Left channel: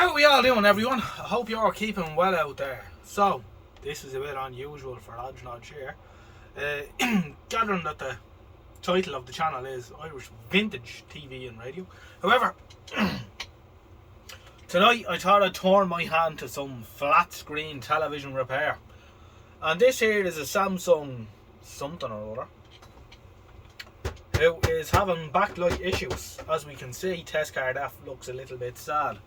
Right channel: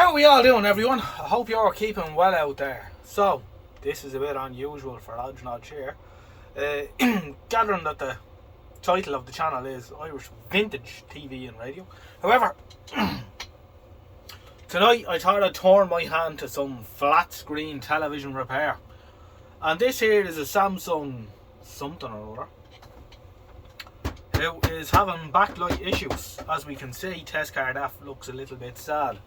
How are we all doing, everyone? I hope you're all keeping well out there. So, this is a bit unusual for ojnoj here. Gathering that the title of the channel is Irish Vintage TV and Radio. However, tonight I thought I'd turn my hand to some flat screen television repair. And this here is a Samsung something or other, who is having backlight issues. As we can see, test card F looks a little bit sad.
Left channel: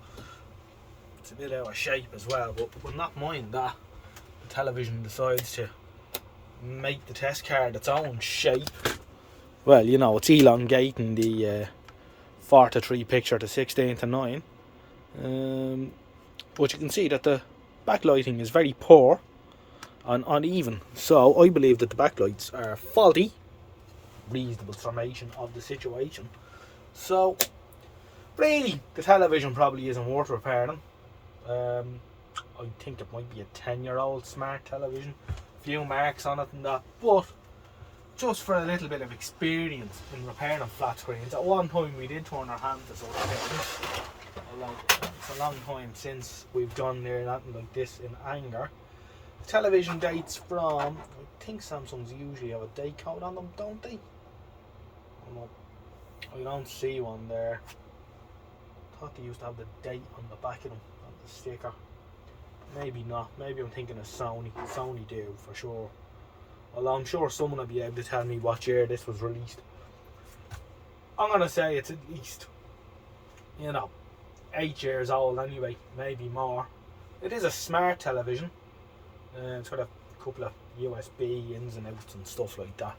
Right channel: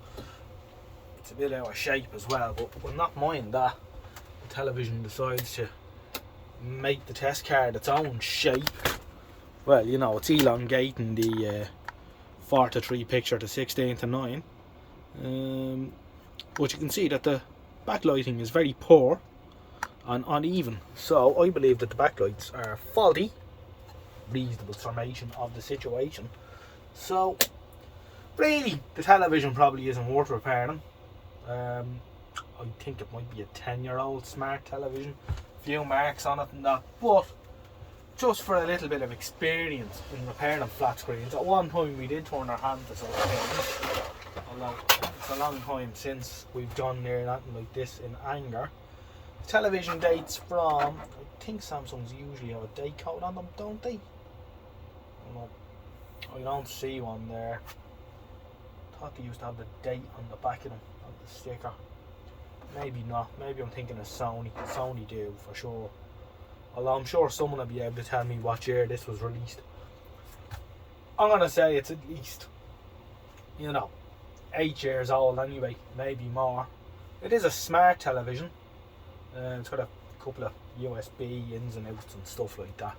It's a bit out of shape as well, but we'll not mind that. The television decides to make the test card its own shape. Well, you know, it's elongating the 4:3 picture to 16:9. But you can see that the backlighting is very poor and uneven. So I believe that the backlights are faulty. Reasonable summation of the situation. So really, the television probably isn't worth repairing. I think it might be a 10-year-old smart television, few marks on it and that, but just for a little bit of experience in repairing flat screens. At one time we did turn our hand to such things, although it's a long time since we've gone near anything like this in anger. Television dates from, I think Samsungs usually have a date code on them, don't they? I don't see one there. I thought they used to have the date on the back of them, on the sticker. Maybe not. Maybe I'm thinking of Sony. Sony do for sure. Although I'm sure someone will be able to tell me what year this was released. I'm gonna say it's at least, 8 years old anyway, maybe more. It is a smart television. It's got a couple of USB ins and outs and stuff like that.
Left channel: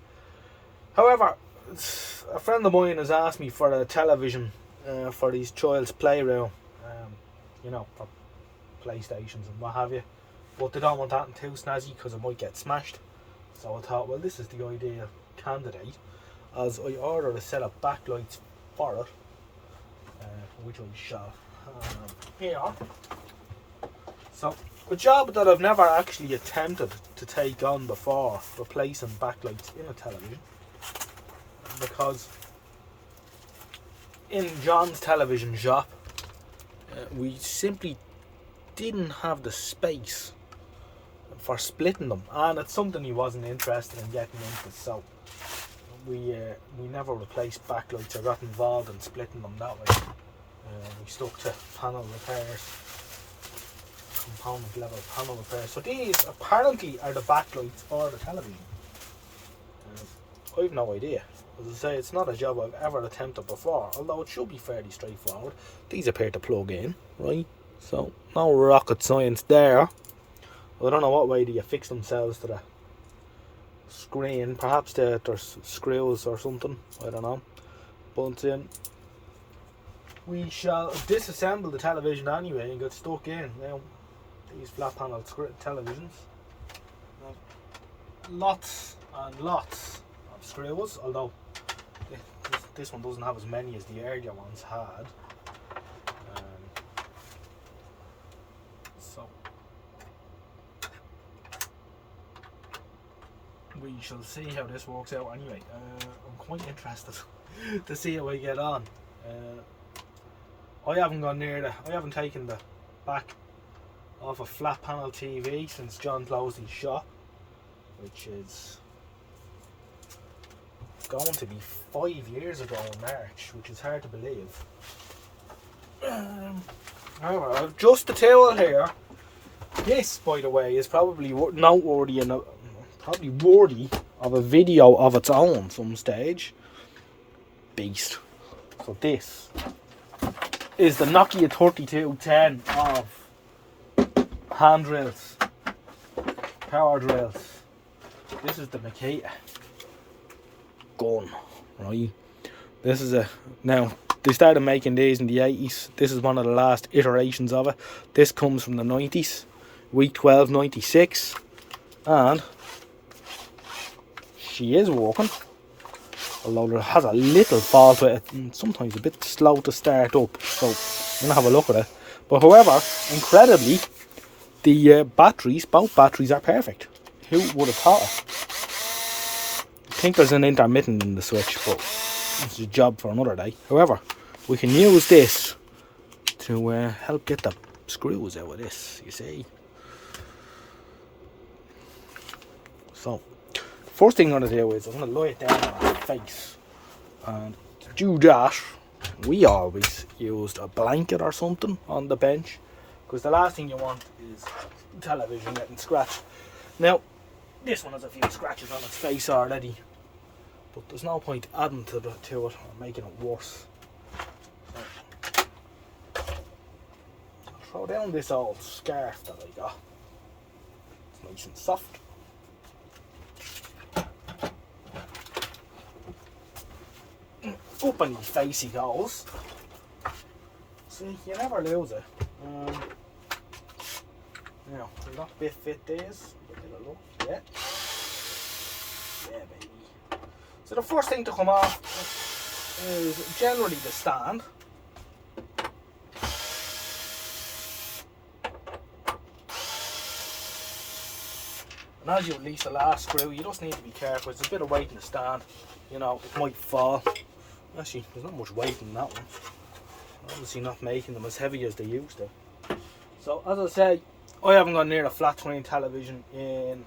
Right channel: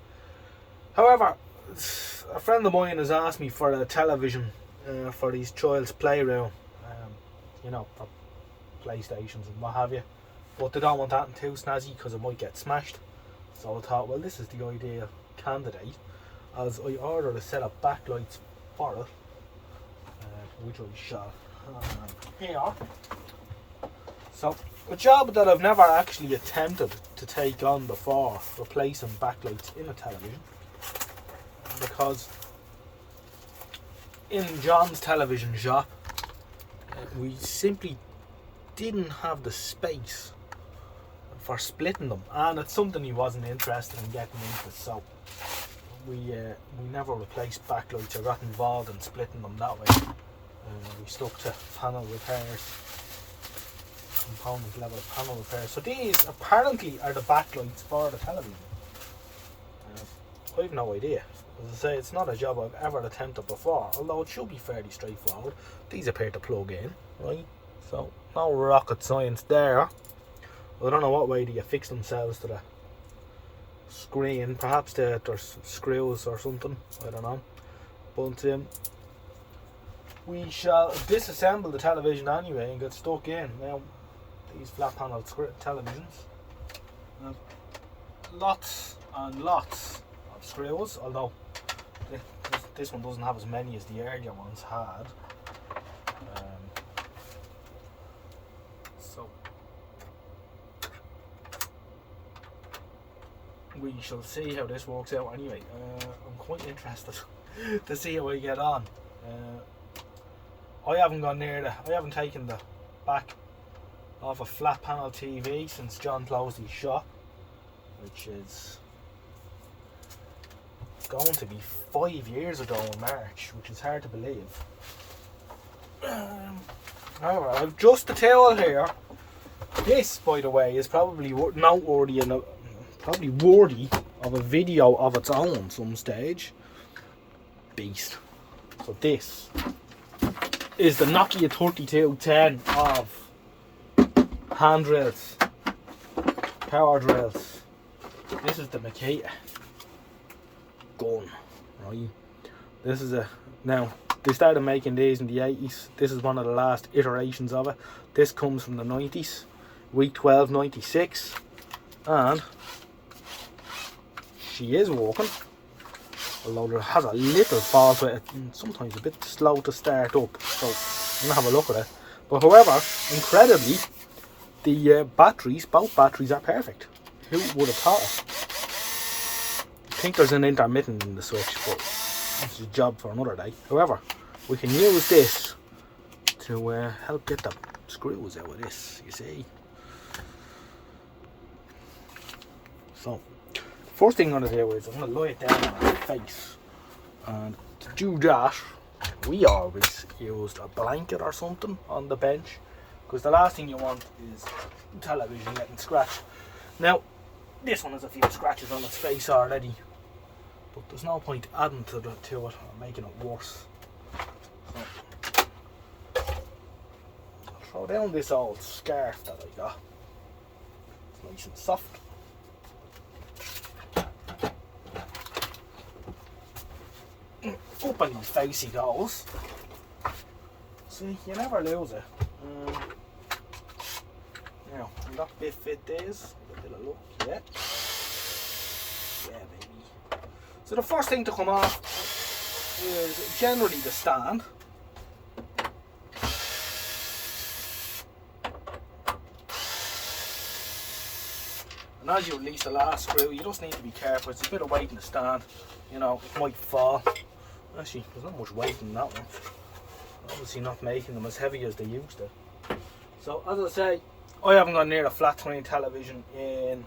However, a friend of mine has asked me for a television for these child's playroom, for PlayStations and what have you, but they don't want that too snazzy because it might get smashed. So I thought, well, this is the ideal candidate, as I ordered a set of backlights for it, which I shall have here. So a job that I've never actually attempted to take on before, replacing backlights in a television, because in John's television shop we simply didn't have the space for splitting them, and it's something he wasn't interested in getting into, so we never replaced backlights or got involved in splitting them that way. We stuck to panel repairs, component level panel repairs. So these apparently are the backlights for the television. I've no idea. As I say, it's not a job I've ever attempted before, although it should be fairly straightforward. These appear to plug in, right? So no rocket science there. I don't know what way do you fix themselves to the screen. Perhaps there's screws or something, I don't know. But we shall disassemble the television anyway and get stuck in. Now, these flat panel televisions have lots and lots of screws, although this one doesn't have as many as the earlier ones had. So we shall see how this works out anyway. I'm quite interested to see how I get on. I haven't gone near I haven't taken the back of a flat panel TV since John closed his shop, which is going to be 5 years ago in March, which is hard to believe. However, I've just the towel here. This, by the way, is probably noteworthy and probably worthy of a video of its own some stage. Beast. So this is the Nokia 3210 of hand drills, power drills. This is the Makita gun, right? This is now they started making these in the 80s. This is one of the last iterations of it. This comes from the 90s, week 12, 96, and she is working, although it has a little fault with it and sometimes a bit slow to start up, so I'm gonna have a look at it. But however, incredibly, the both batteries are perfect. Who would have thought it? I think there's an intermittent in the switch, but that's a job for another day. However, we can use this to help get the screws out of this, you see. So, first thing I'm going to do is I'm going to lay it down on my face, and to do that we always used a blanket or something on the bench, because the last thing you want is television getting scratched. Now this one has a few scratches on its face already, but there's no point adding to it or making it worse. So, throw down this old scarf that I got. It's nice and soft. Up on your face he goes. See, you never lose it. Now, we've got bit fit these. A bit of luck, yeah. Yeah, baby. So the first thing to come off is generally the stand. And as you release the last screw, you just need to be careful. It's a bit of weight in the stand. You know, it might fall. Actually, there's not much weight in that one. Obviously not making them as heavy as they used to. So, as I say, I haven't gone near a flat screen television in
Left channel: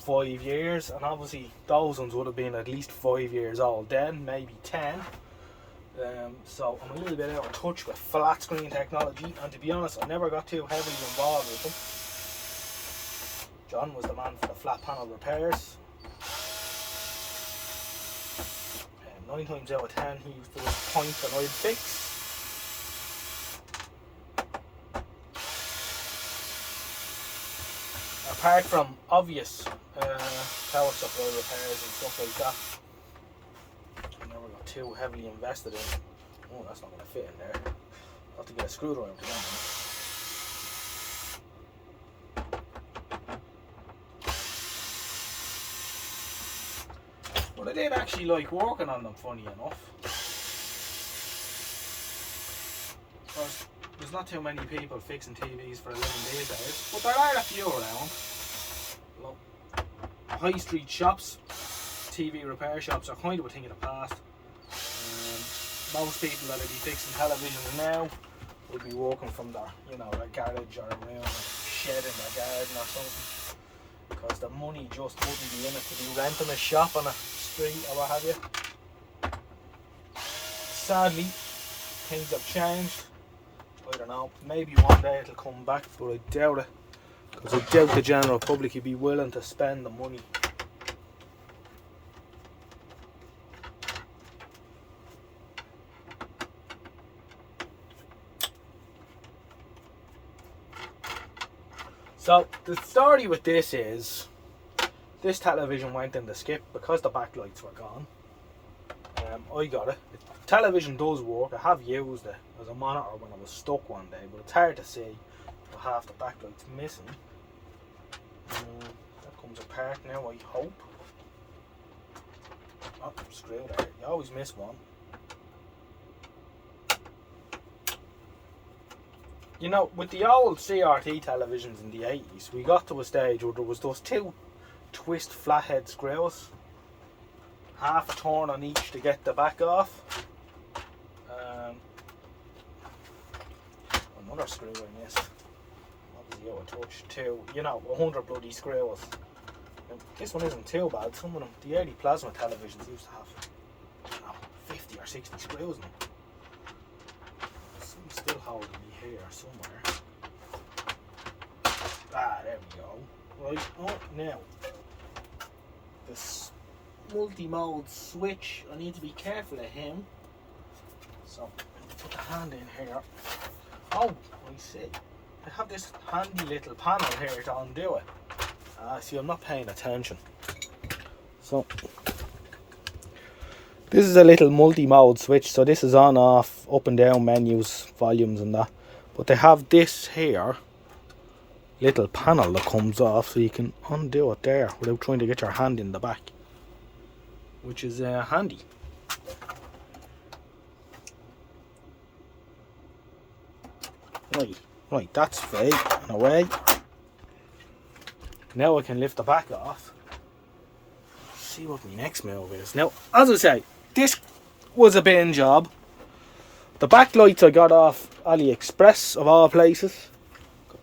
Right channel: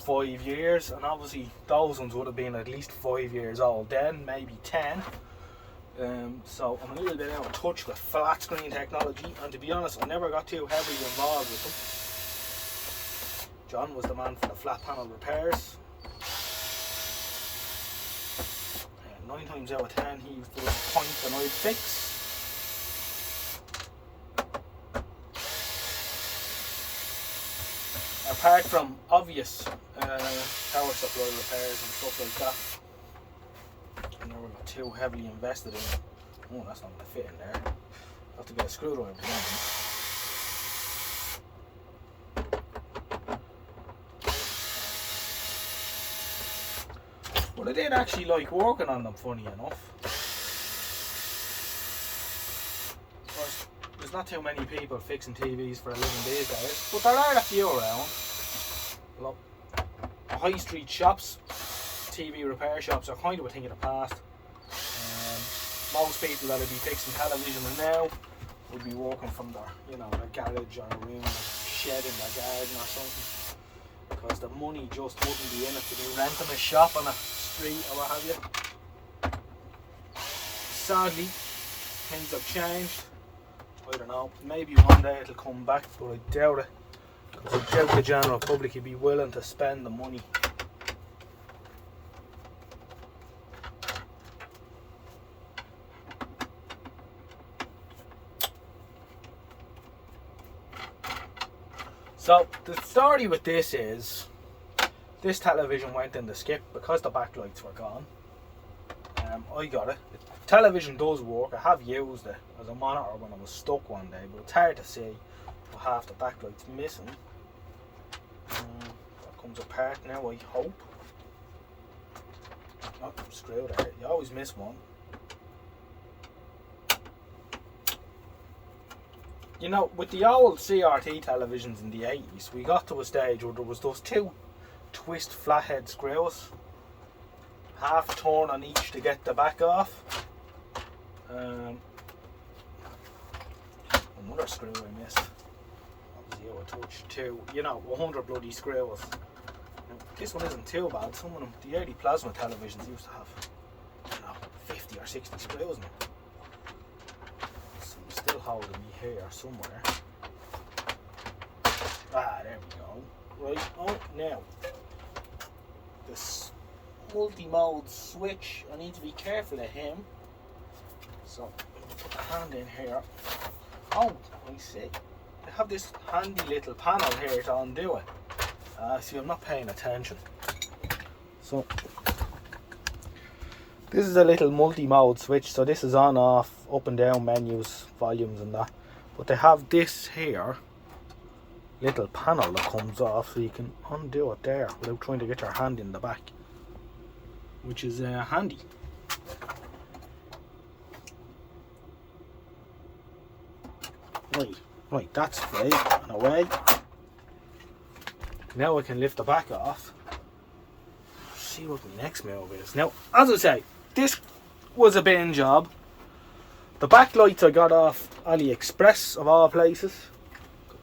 5 years, and obviously those ones would have been at least 5 years old then, maybe 10. So I'm a little bit out of touch with flat screen technology, and to be honest, I never got too heavily involved with them. John was the man for the flat panel repairs. 9 times out of 10 he used to point and I'd fix. Apart from obvious power supply repairs and stuff like that, I never got too heavily invested in it. Oh, that's not going to fit in there. I'll have to get a screwdriver. But I did actually like working on them, funny enough. There's not too many people fixing TVs for 11 days, guys, but there are a few around. Look, high street shops, TV repair shops are kind of a thing of the past. Most people that would be fixing televisions now would be working from their, you know, their garage or a room, or shed in their garden or something, because the money just wouldn't be in it to be renting a shop on a street or what have you. Sadly, things have changed. I don't know, maybe one day it'll come back, but I doubt it, because I doubt the general public would be willing to spend the money. So the story with this is, this television went in the skip because the backlights were gone. I got it. The television does work. I have used it as a monitor when I was stuck one day, but it's hard to see with half the backlights missing. That comes apart now, I hope. Oh, screw there. You always miss one. You know, with the old CRT televisions in the 80s, we got to a stage where there was those two twist flathead screws, half turn on each to get the back off. Another screw I missed. Obviously out of touch too. You know, 100 bloody screws. Now, this one isn't too bad. Some of them, the early plasma televisions used to have, you know, 50 or 60 screws now. Some still holding me here somewhere. Ah, there we go. Right, on now. This multi-mode switch, I need to be careful of him. So, put the hand in here. Oh, I see. I have this handy little panel here to undo it. See, I'm not paying attention. So, this is a little multi-mode switch. So this is on, off, up and down menus, volumes and that. But they have this here little panel that comes off, so you can undo it there without trying to get your hand in the back, which is handy. Right, that's fake in a way. Now I can lift the back off. See what my next move is. Now, as I say, this was a bin job. The backlights I got off AliExpress of all places.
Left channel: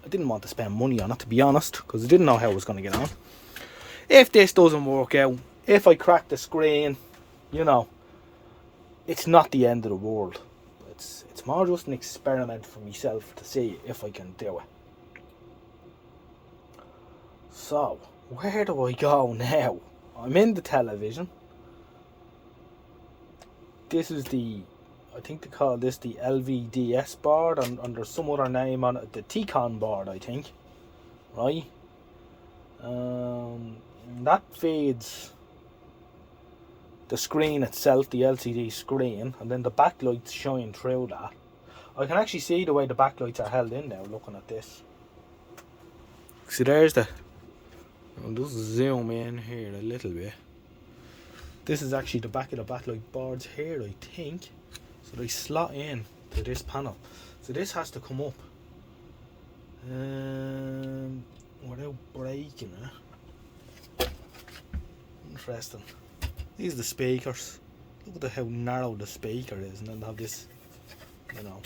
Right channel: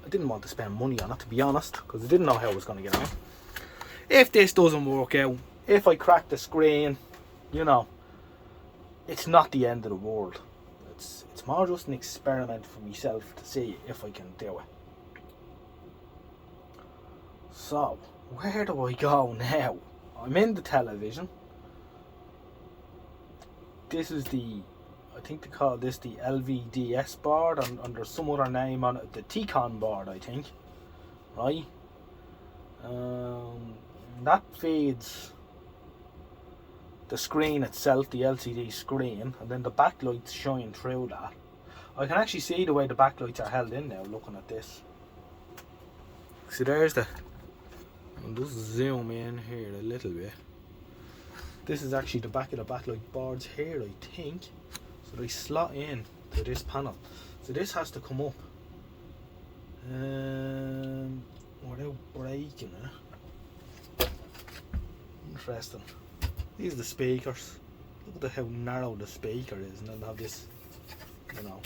I didn't want to spend money on it, to be honest, because I didn't know how I was going to get on. If this doesn't work out, if I crack the screen, you know, it's not the end of the world. It's more just an experiment for myself to see if I can do it. So, where do I go now? I'm in the television. This is the, I think they call this the LVDS board, and there's some other name on it, the T-Con board, I think. Right? That feeds the screen itself, the LCD screen, and then the backlights shine through that. I can actually see the way the backlights are held in now looking at this. See, there's the, I'll just zoom in here a little bit. This is actually the back of the backlight boards here, I think. So they slot in to this panel. So this has to come up without breaking it. Interesting. These are the speakers. Look at how narrow the speaker is, and then they have this, you know,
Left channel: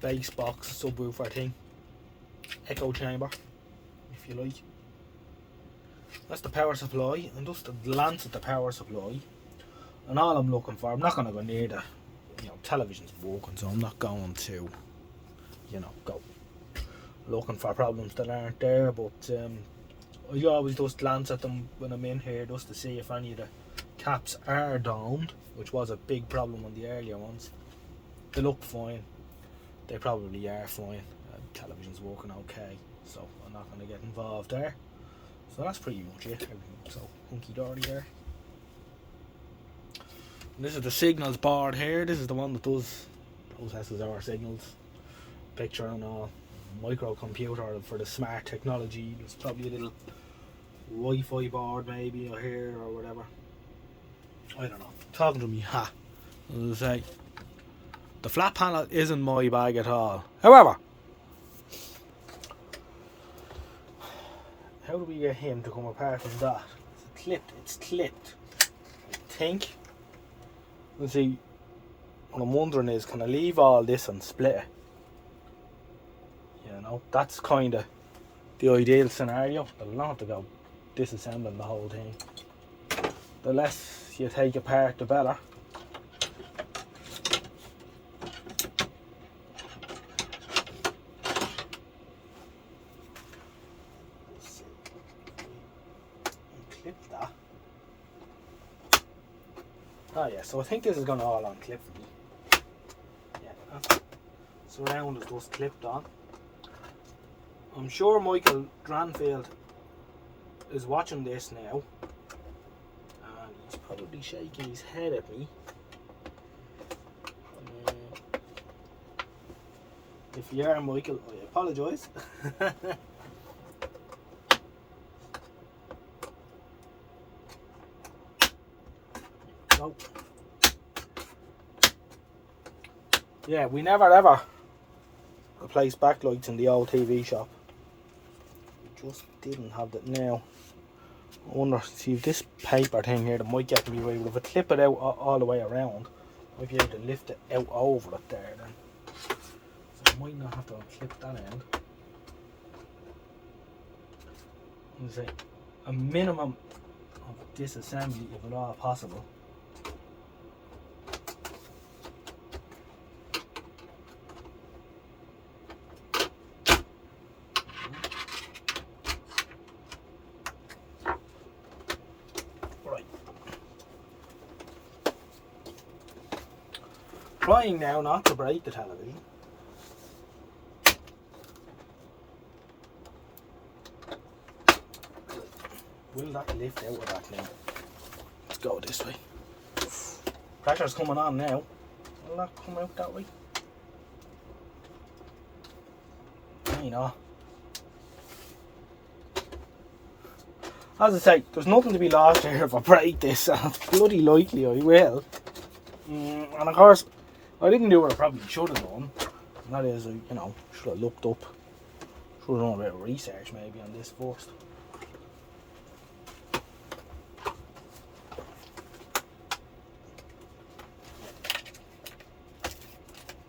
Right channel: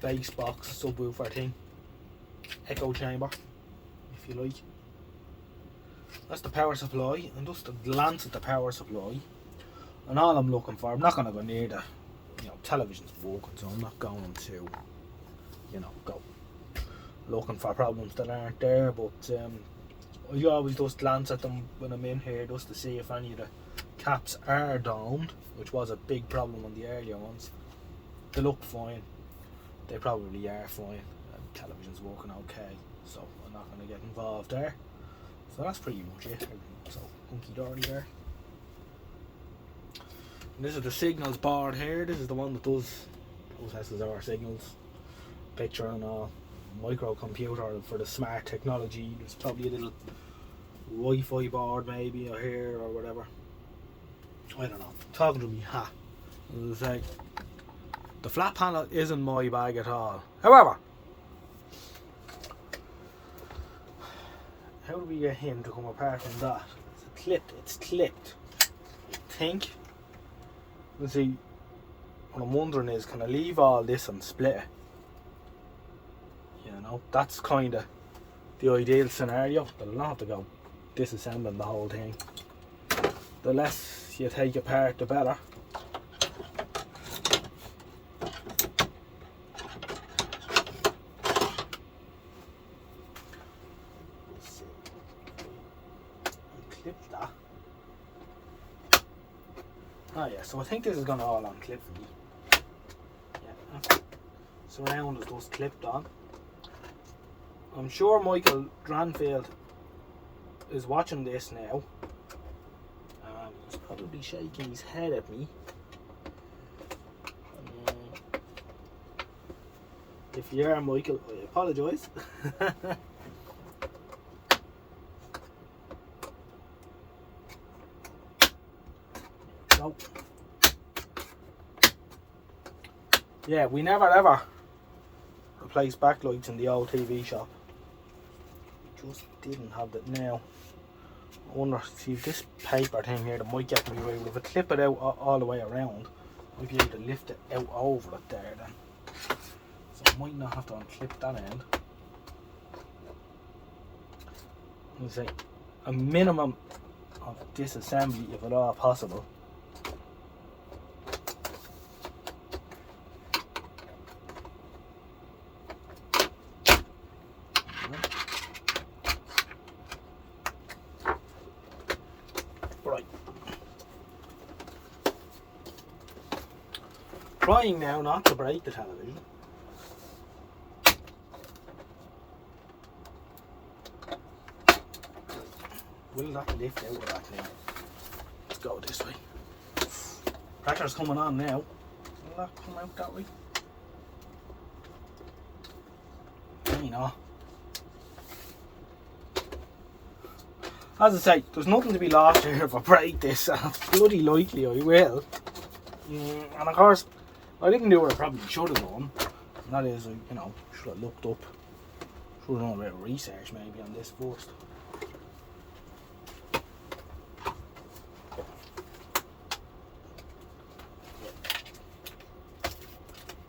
bass box subwoofer thing, echo chamber, if you like. That's the power supply, and just a glance at the power supply. And all I'm looking for, I'm not going to go near the, you know, television's working, so I'm not going to, you know, go looking for problems that aren't there. But I always just glance at them when I'm in here just to see if any of the caps are downed, which was a big problem on the earlier ones. They look fine. They probably are fine. Television's working okay, so I'm not going to get involved there. So that's pretty much it. So hunky-dory there. And this is the signals board here. This is the one that does SSR signals, picture and all. Microcomputer for the smart technology. There's probably a little Wi-Fi board maybe or here or whatever. I don't know. Talking to me, ha. As I say, the flat panel isn't my bag at all. However, how do we get him to come apart from that? It's clipped. It's clipped. I think. You see, what I'm wondering is, can I leave all this and split it? You know, that's kind of the ideal scenario. But I'll not have to go disassembling the whole thing. The less you take apart, the better. Clip that. Oh yeah, so I think this is going to all unclip for me. Yeah, surround is just clipped on. I'm sure Michael Dranfield is watching this now, and he's probably shaking his head at me. If you are, Michael, I apologise. So, yeah, we never ever replaced backlights in the old TV shop. Just didn't have that now. I wonder, see if this paper thing here that might get me away with, if I clip it out all the way around, I might be able to lift it out over it there then. So I might not have to unclip that end. Let's say a minimum of disassembly if at all possible. Trying now not to break the television. Will not lift out of that thing. Let's go this way. Pressure's coming on now. Will that come out that way? You know. As I say, there's nothing to be lost here if I break this, and it's bloody likely I will. And of course, I didn't do what I probably should have done, and that is, you know, should have looked up, should have done a bit of research maybe on this first.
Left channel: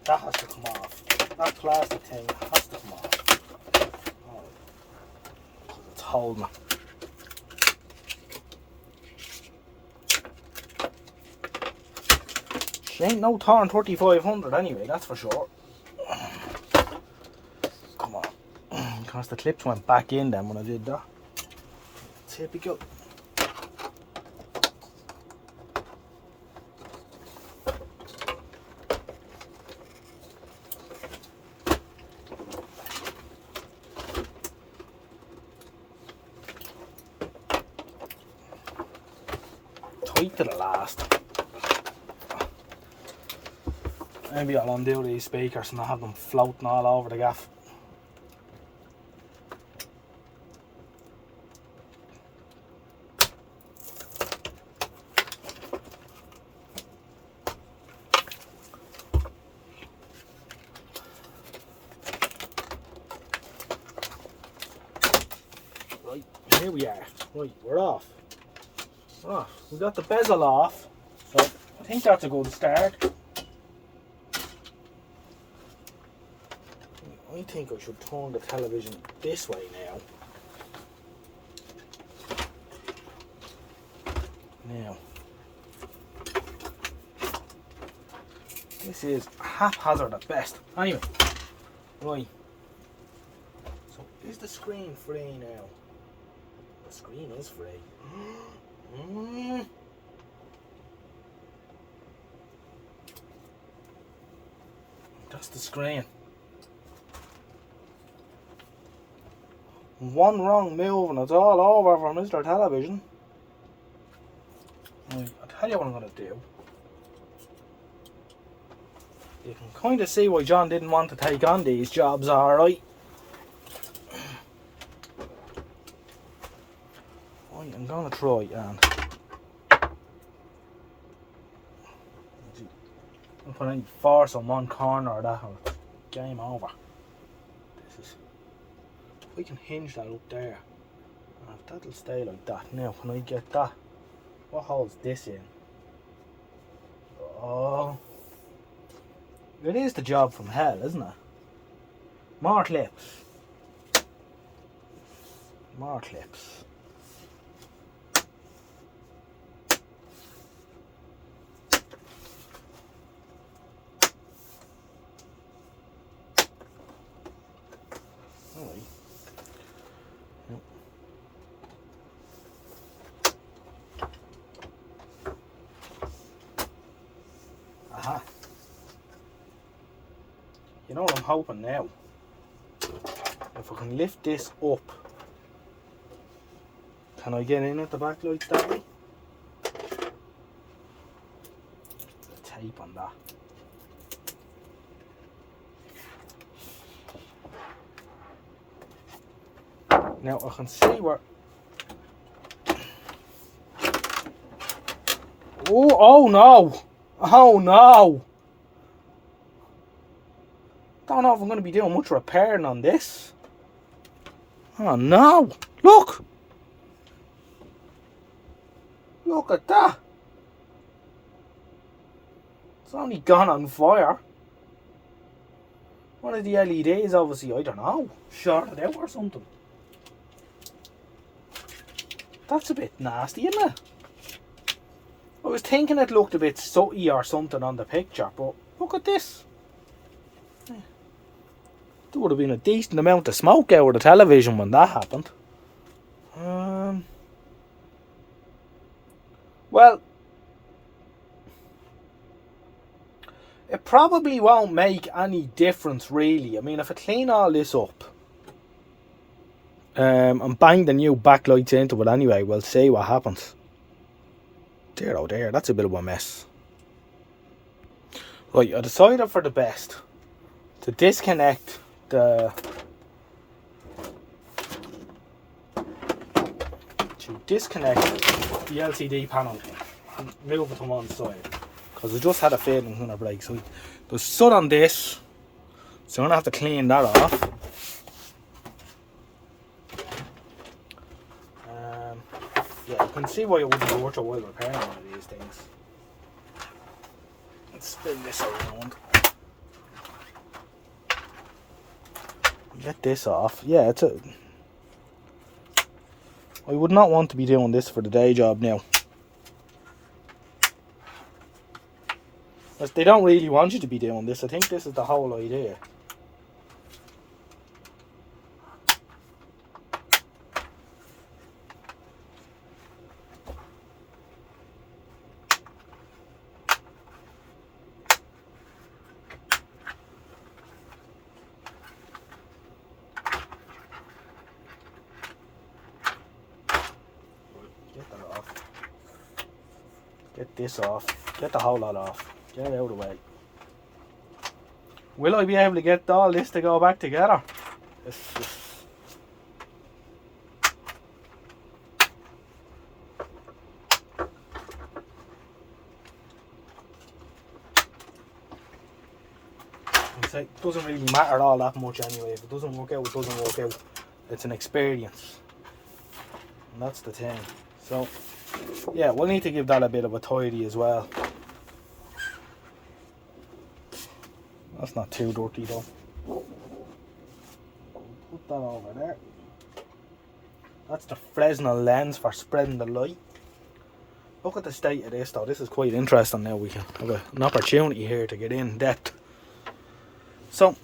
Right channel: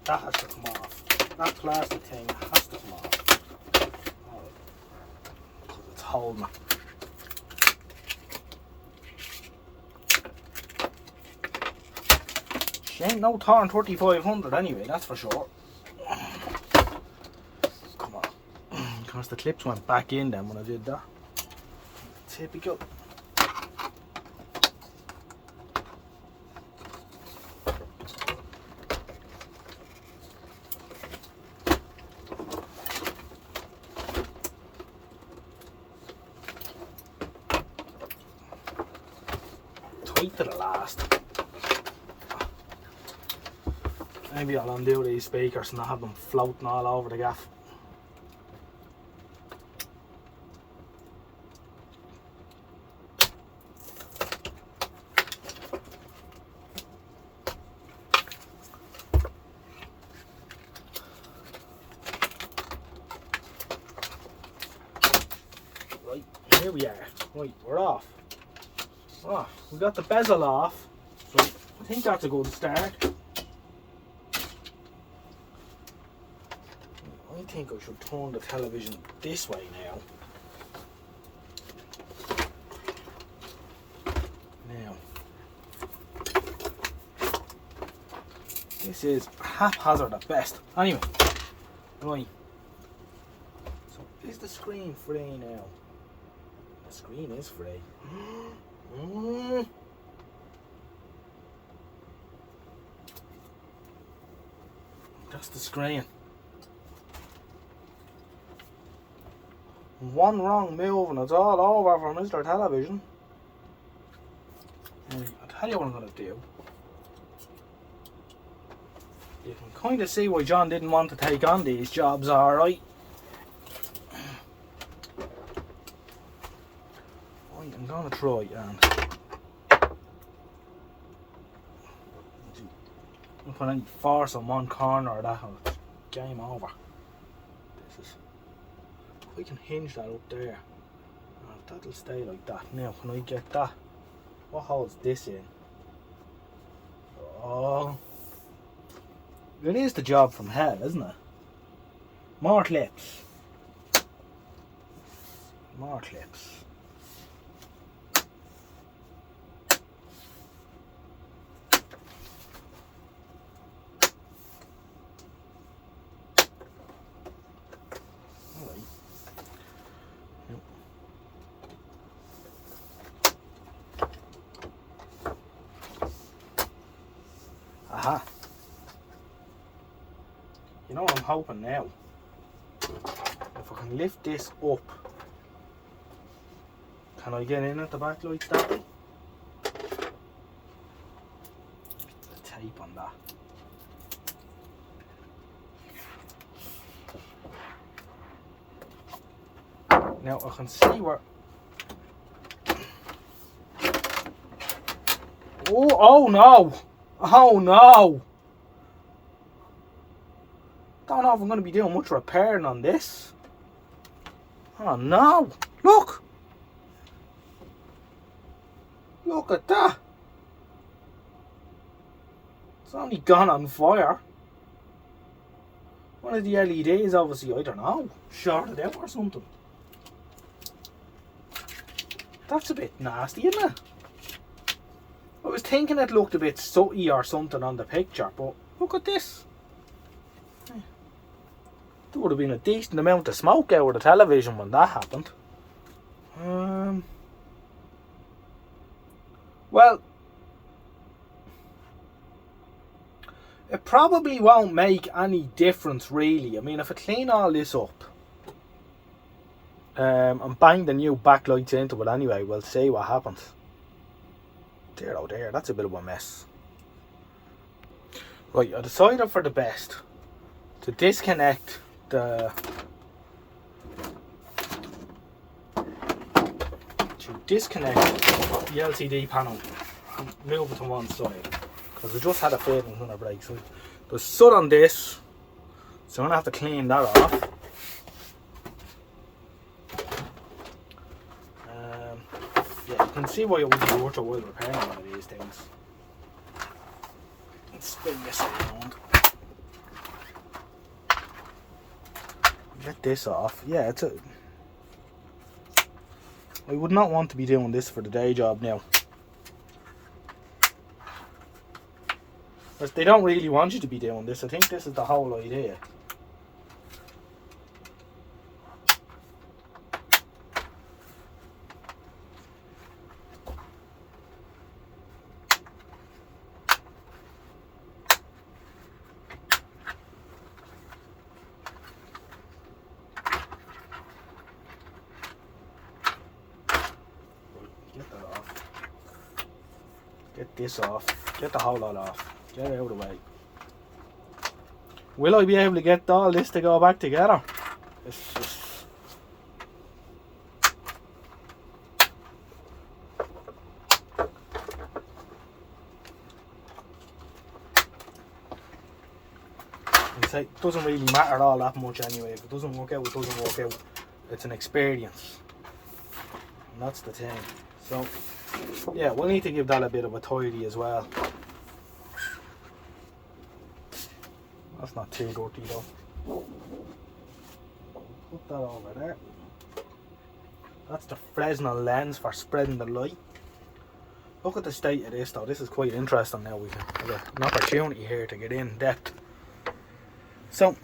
that has to come off. That plastic thing has to come off. Alright. It's holding. She ain't no Torn 3500 anyway, that's for sure. Come on. Because the clips went back in then when I did that. Typical. Tight to the last. Maybe I'll undo these speakers and not have them floating all over the gaff. Right, here we are. Right, we're off. Oh, we got the bezel off, so I think that's a good start. I think I should turn the television this way now. Now, this is haphazard at best. Anyway, right. So, is the screen free now? The screen is free. That's the screen. One wrong move and it's all over for Mr. Television. Right, I'll tell you what I'm going to do. You can kind of see why John didn't want to take on these jobs, alright. Right, I'm going to try and I'll put any force on one corner or that, or game over. This is, if we can hinge that up there, that'll stay like that. Now, can I get that? What holds this in? Oh, it is the job from hell, isn't it? More clips. More clips. Aha. You know what I'm hoping now? If I can lift this up, can I get in at the backlights that way? The tape on that. Now I can see where. Oh no! Oh no! Don't know if I'm going to be doing much repairing on this. Oh no! Look! Look at that! It's only gone on fire. One of the LEDs, obviously, I don't know, shorted out or something. That's a bit nasty, isn't it? I was thinking it looked a bit sooty or something on the picture, but look at this. There would have been a decent amount of smoke out of the television when that happened. Well, it probably won't make any difference really. I mean, if I clean all this up and bang the new backlights into it anyway, we'll see what happens. Dear oh dear, that's a bit of a mess. Right, I decided for the best to disconnect the LCD panel and move it to one side, because we just had a feeling it's gonna break. So there's soot on this, so I'm gonna have to clean that off. Yeah, you can see why it wouldn't be worth a while repairing one of these things. Let's spin this around. Get this off. Yeah, I would not want to be doing this for the day job now. Because they don't really want you to be doing this. I think this is the whole idea. Get that off. Get this off. Get the whole lot off. Get it out of the way. Will I be able to get all this to go back together? It's just... It doesn't really matter all that much anyway. If it doesn't work out, it doesn't work out. It's an experience. And that's the thing. So, yeah, we'll need to give that a bit of a tidy as well. That's not too dirty though. Put that over there. That's the Fresnel lens for spreading the light. Look at the state of this though. This is quite interesting now. We have an opportunity here to get in depth. So,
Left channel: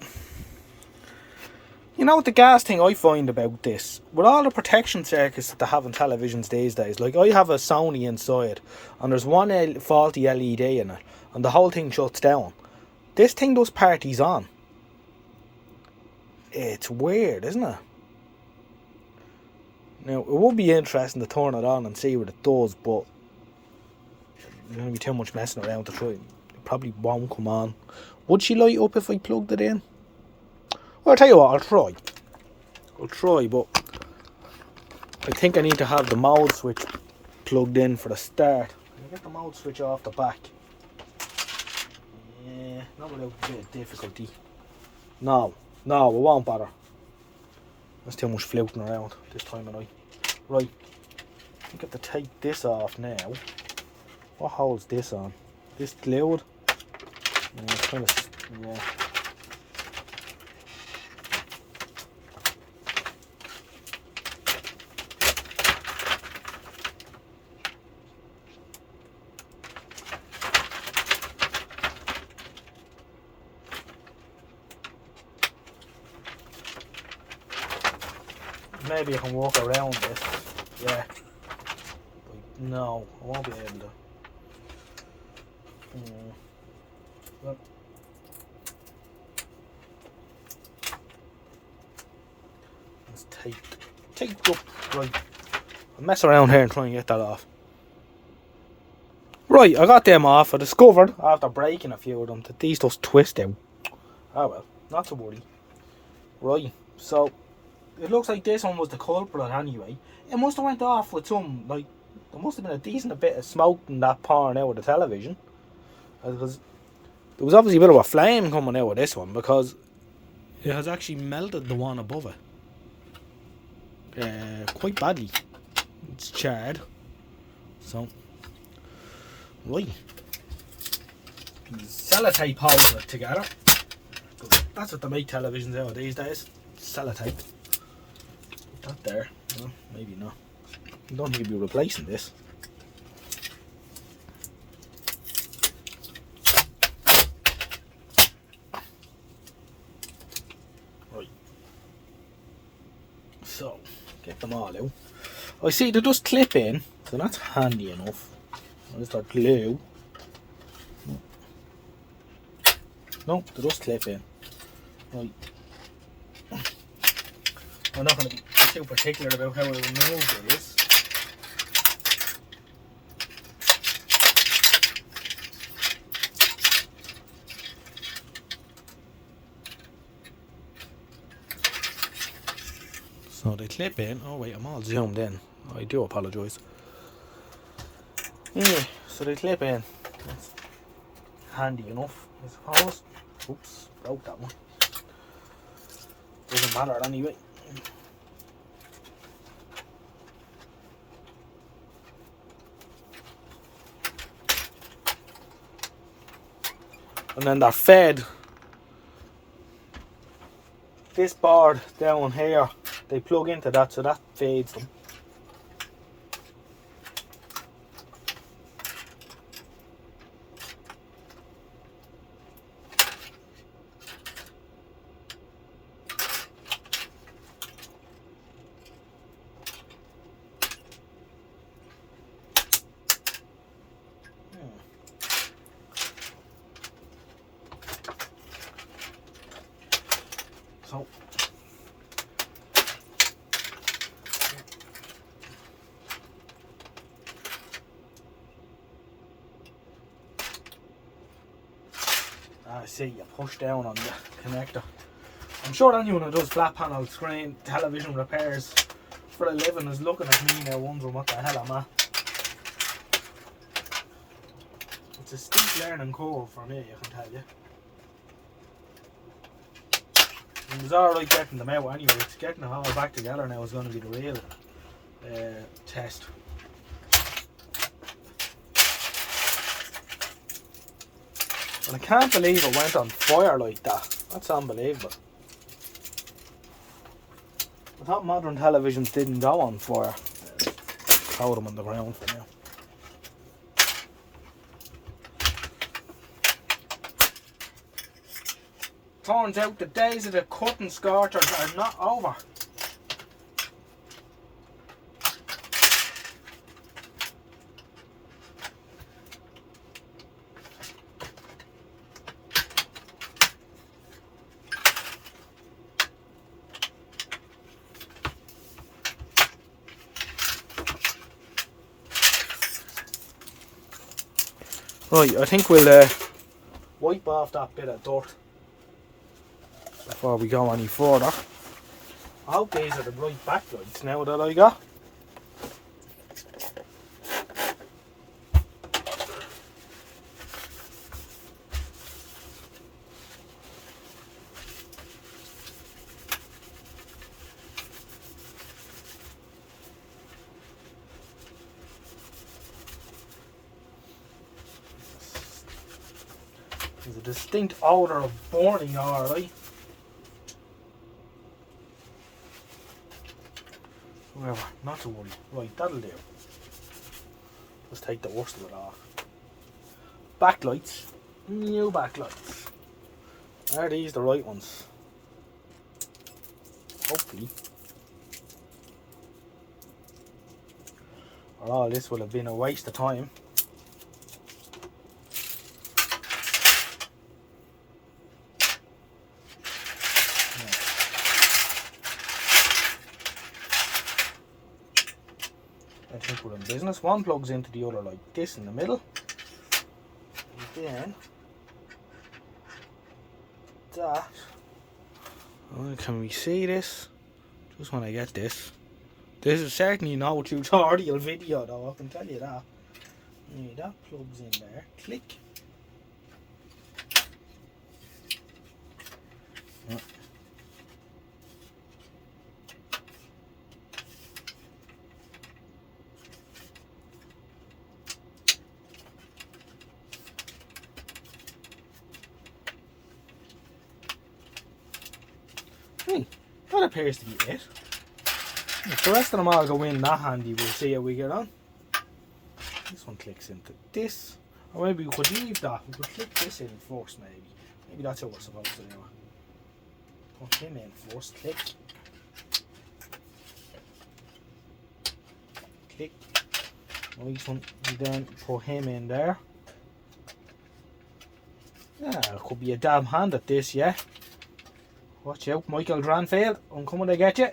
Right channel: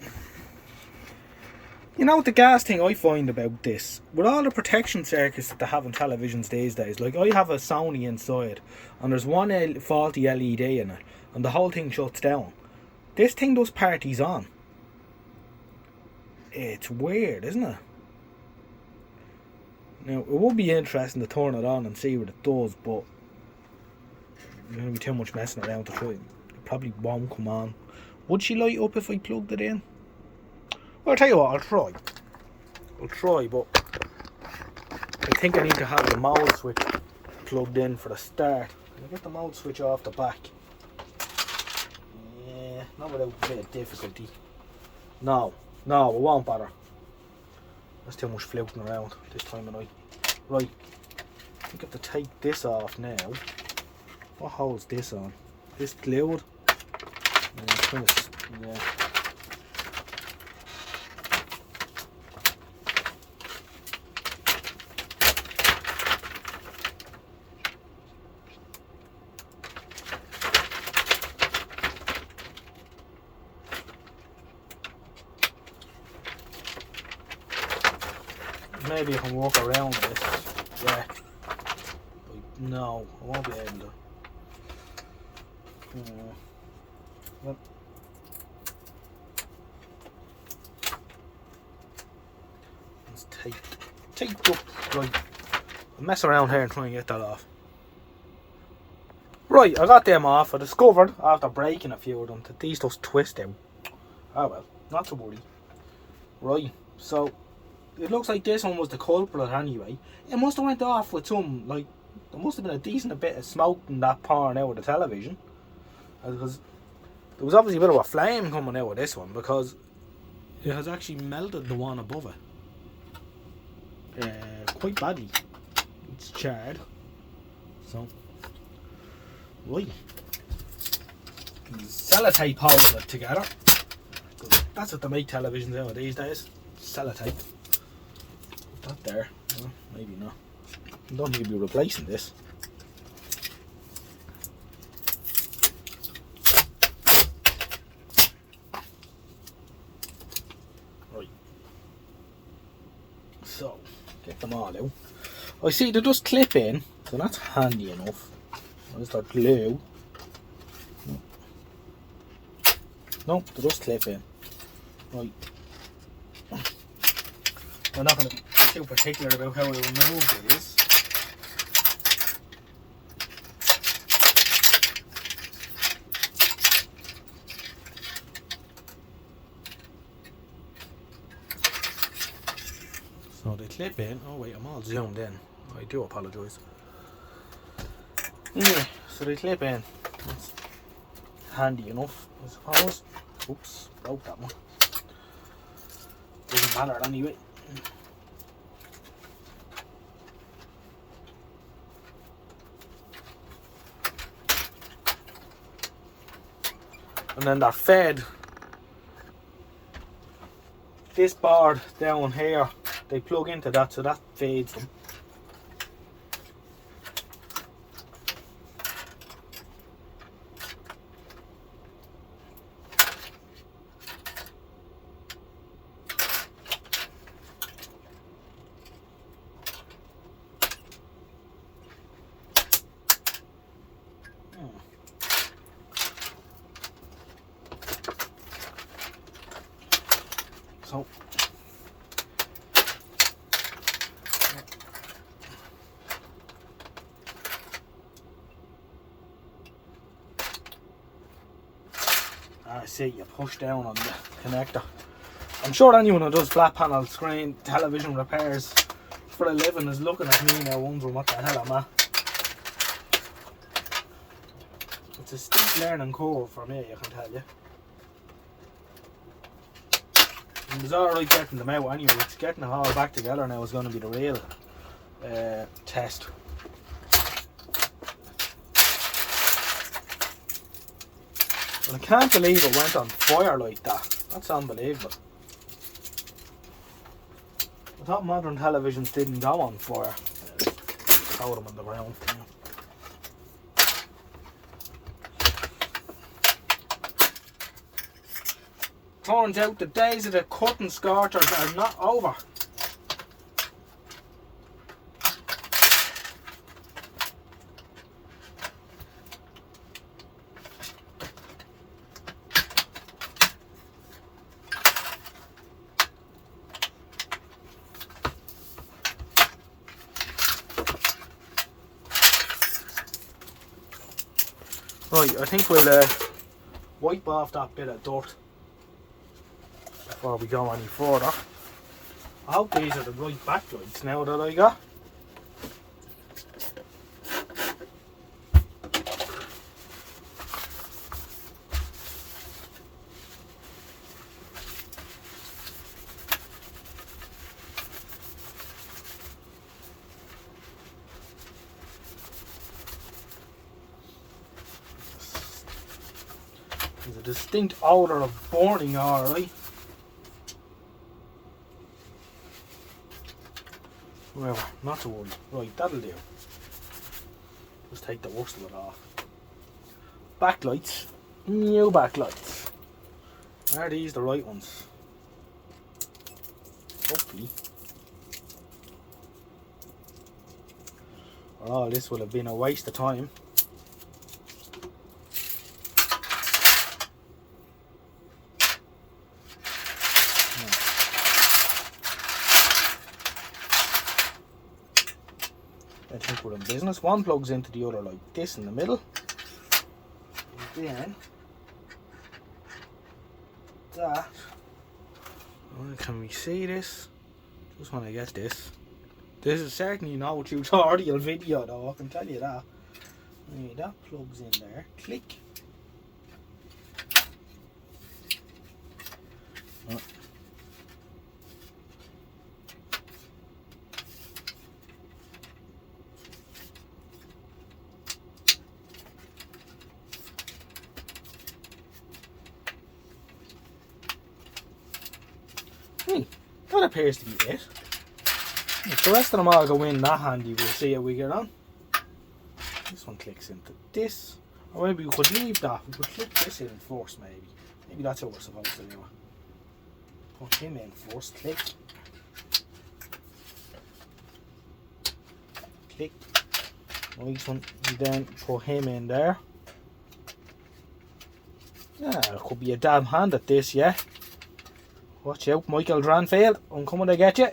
you know the gas thing I find about this, with all the protection circuits that they have in televisions these days, like I have a Sony inside and there's one faulty LED in it and the whole thing shuts down. This thing does parties on. It's weird, isn't it? Now, it would be interesting to turn it on and see what it does, but there's going to be too much messing around to try. It probably won't come on. Would she light up if I plugged it in? Well, I'll tell you what, I'll try. But I think I need to have the mode switch plugged in for the start. I'll get the mode switch off the back. Yeah, not without a bit of difficulty. No, it won't bother. There's too much floating around this time of night. Right, I think I have to take this off now. What holds this on? This glued? Yeah, kind of, yeah. Maybe I can walk around this. Yeah. But no, I won't be able to. Yeah. Well. It's taped up. Right. I'll mess around here and try and get that off. Right, I got them off. I discovered after breaking a few of them that these just twist out. Oh well, not to worry. Right, so it looks like this one was the culprit anyway. It must have went off with some, like, there must have been a decent bit of smoke in that pouring out of the television. Because there was obviously a bit of a flame coming out of this one because it has actually melted the one above it. Quite badly. It's charred. So, right. Sellotape holds it together. That's what they make televisions out of these days. Sellotape. That there, no, maybe not. I don't think you'll be replacing this. Right. So, get them all out. I see they just clip in, so that's handy enough. There's their glue. No, they just clip in. Right. I'm not going to be too particular about how I remove these. So they clip in. Oh wait, I'm all zoomed in. I do apologise. Yeah, so they clip in. That's handy enough, I suppose. Oops, broke that one. Doesn't matter anyway. And then they're fed this board down here, they plug into that, so that fades them. So I see you push down on the connector. I'm sure anyone who does flat panel screen television repairs for a living is looking at me now wondering what the hell I'm at. It's a steep learning curve for me, I can tell you. It was alright getting them out anyway. It's getting it all back together now is going to be the real test. And I can't believe it went on fire like that. That's unbelievable. I thought modern televisions didn't go on fire. Throw them on the ground now. Turns out the days of the cutting scorchers are not over. Right, I think we'll wipe off that bit of dirt before we go any further. I hope these are the right backlights now that I got. There's a distinct odour of burning, alright. However, not to worry. Right, that'll do. Just take the worst of it off. Backlights. New backlights. Are these the right ones? Hopefully. Or all this will have been a waste of time. I think we're in business. One plugs into the other like this in the middle. And then that. Can we see this? Just want to get this. This is certainly no tutorial video though, I can tell you that. Anyway, that plugs in there. Click. Oh. That appears to be it. If the rest of them all go in that handy, we'll see how we get on. This one clicks into this. Or maybe we could leave that. We could click this in first, maybe. Maybe that's how we're supposed to do it. Put him in first. Click. Click. Nice one. And then put him in there. Yeah, it could be a damn hand at this, yeah. Watch out, Michael Dranfield. I'm coming to get you.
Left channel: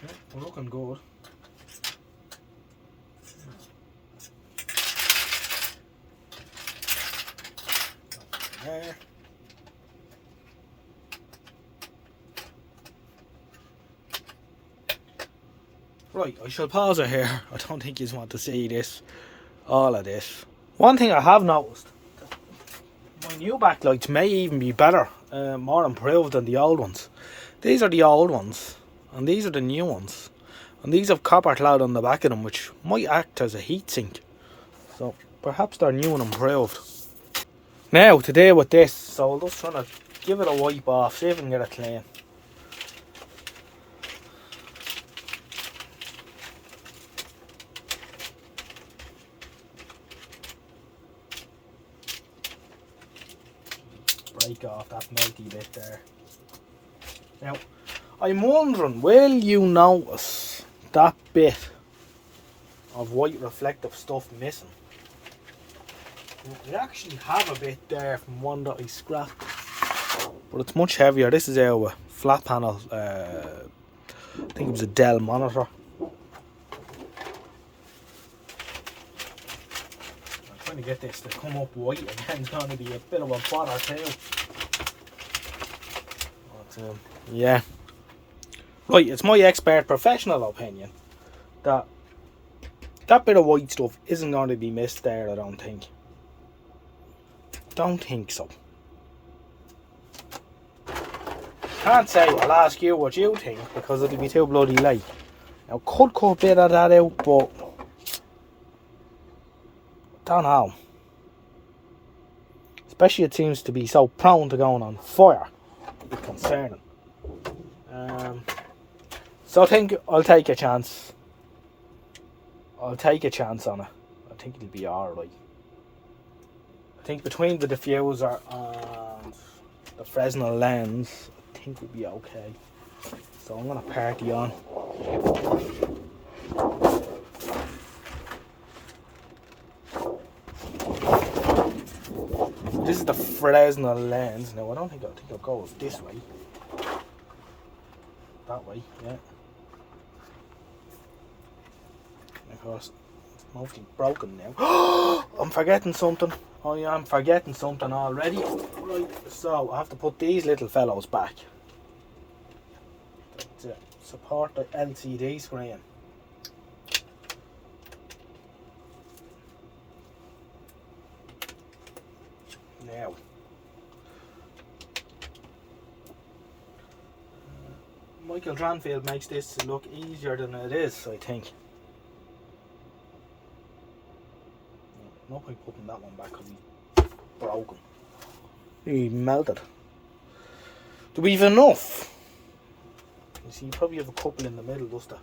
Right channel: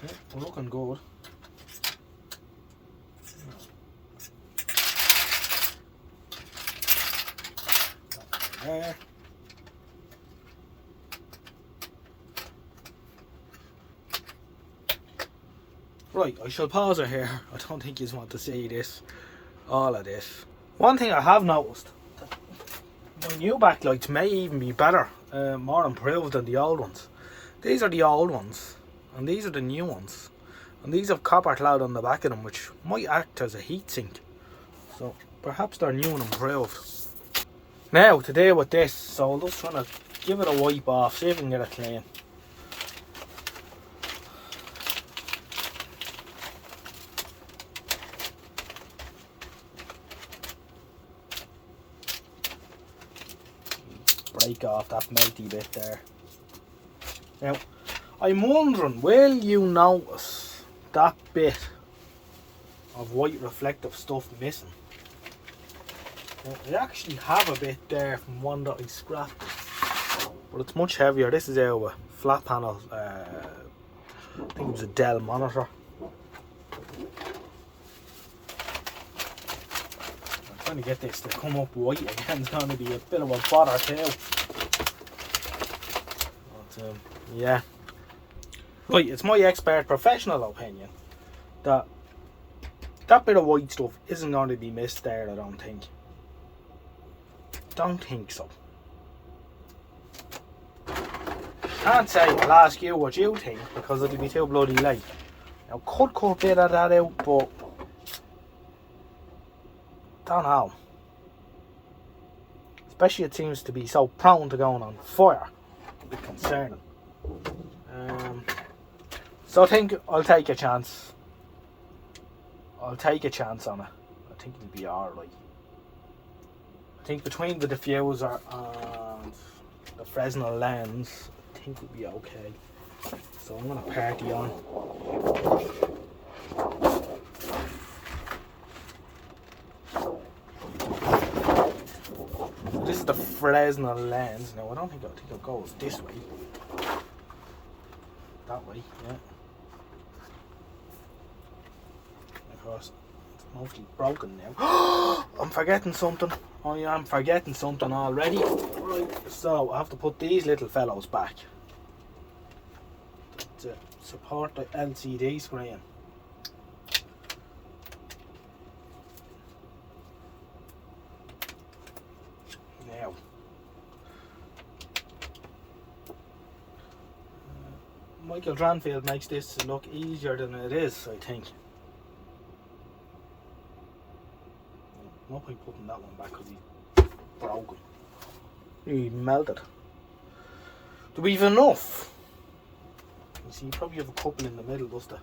Yeah, we're looking good. There. Right, I shall pause it here. I don't think you want to see this, all of this. One thing I have noticed, my new backlights may even be better, more improved than the old ones. These are the old ones, and these are the new ones. And these have copper clad on the back of them, which might act as a heatsink. So perhaps they're new and improved. Now to deal with this, so I'll just try to give it a wipe off, see if we can get it clean. Break off that melty bit there. Now, I'm wondering, will you notice that bit of white reflective stuff missing? Now, I actually have a bit there from one that I scrapped, but it's much heavier. This is our flat panel, I think it was a Dell monitor. I'm trying to get this to come up white again. It's going to be a bit of a bother too. But, yeah. Right, it's my expert professional opinion that that bit of white stuff isn't going to be missed there, I don't think. Don't think so. Can't say I'll ask you what you think because it'll be too bloody late. Now, could cut a bit of that out, but don't know. Especially it seems to be so prone to going on fire. A bit concerning. So I think I'll take a chance. I'll take a chance on it. I think it'll be alright. I think between the diffuser and the Fresnel lens, I think we'll be okay. So I'm gonna party on. This is the Fresnel lens. Now I think I'll go with this way. That way, yeah. Because it's mostly broken now. I'm forgetting something. I am forgetting something already. Right, so I have to put these little fellows back to support the LCD screen. Now, Michael Dranfield makes this look easier than it is, I think. No point putting that one back because he's broken. He melted. Do we have enough? You see, you probably have a couple in the middle just to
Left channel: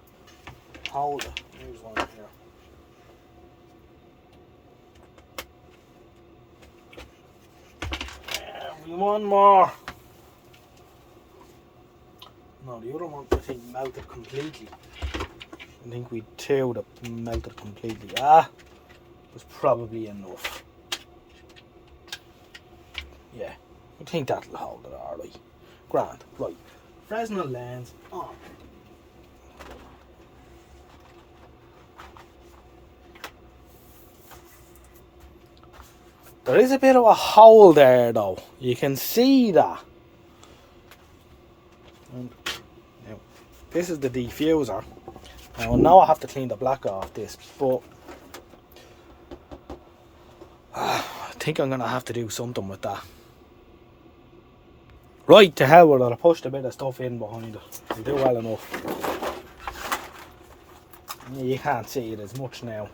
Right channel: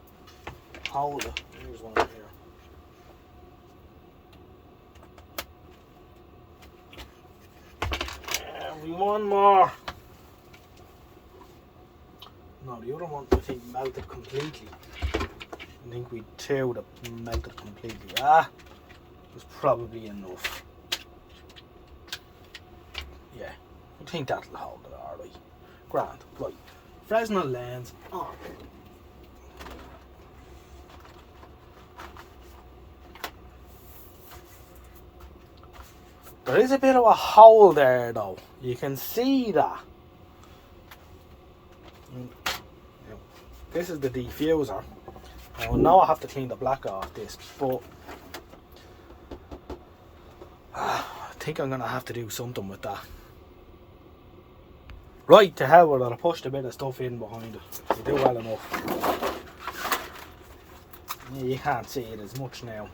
hold it. There's one here. Yeah, one more. No, the other one I think melted completely. I think we two that melted completely. Was probably enough. Yeah, I think that'll hold it alright. Grand. Right. Fresnel lens on. There is a bit of a hole there though. You can see that. And, yeah, this is the diffuser. Now I know I have to clean the black off this, but I think I'm going to have to do something with that. Right, to hell with it. I pushed a bit of stuff in behind it. You do well enough. Yeah, you can't see it as much now.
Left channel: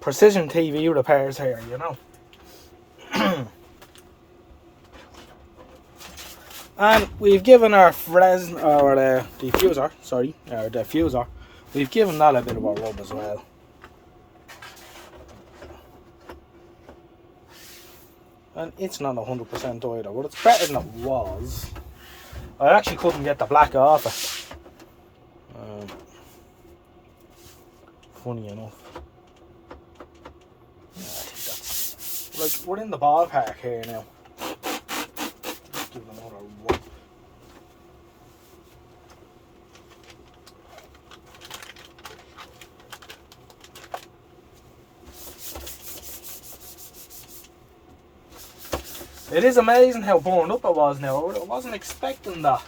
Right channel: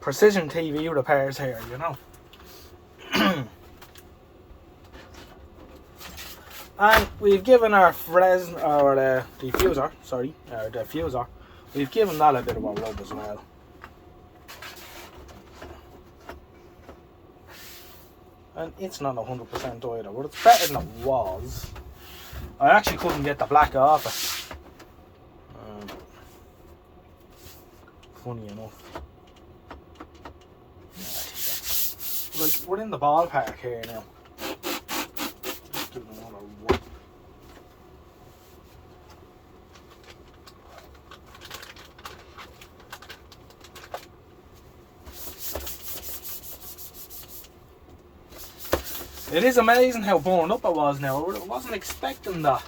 Precision TV repairs here, you know. And we've given our diffuser, we've given that a bit of a rub as well. And it's not 100% either, but it's better than it was. I actually couldn't get the black off it. Funny enough. Yeah, I think that's, like, we're in the ballpark here now. Let's give them another wipe. It is amazing how burned up it was now. I wasn't expecting that.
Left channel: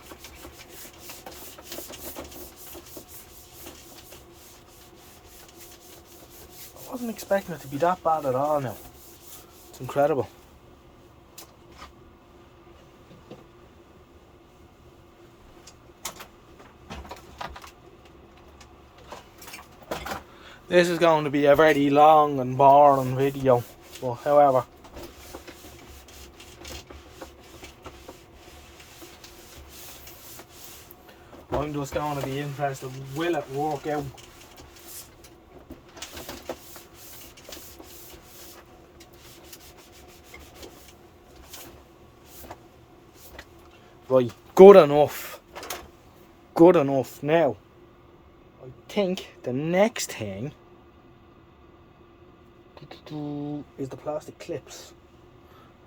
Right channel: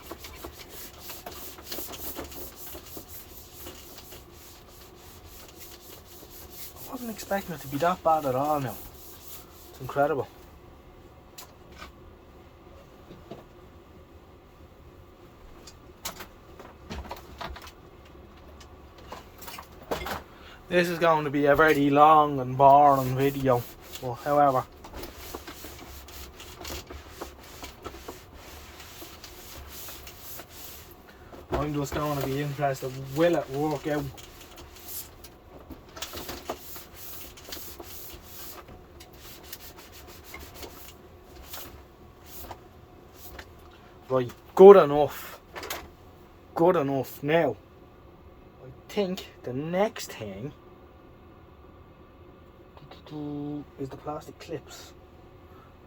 I wasn't expecting it to be that bad at all now. It's incredible. This is going to be a very long and boring video, but however, I'm just going to be interested, will it work out? Right, good enough. Good enough. Now, I think the next thing is the plastic clips,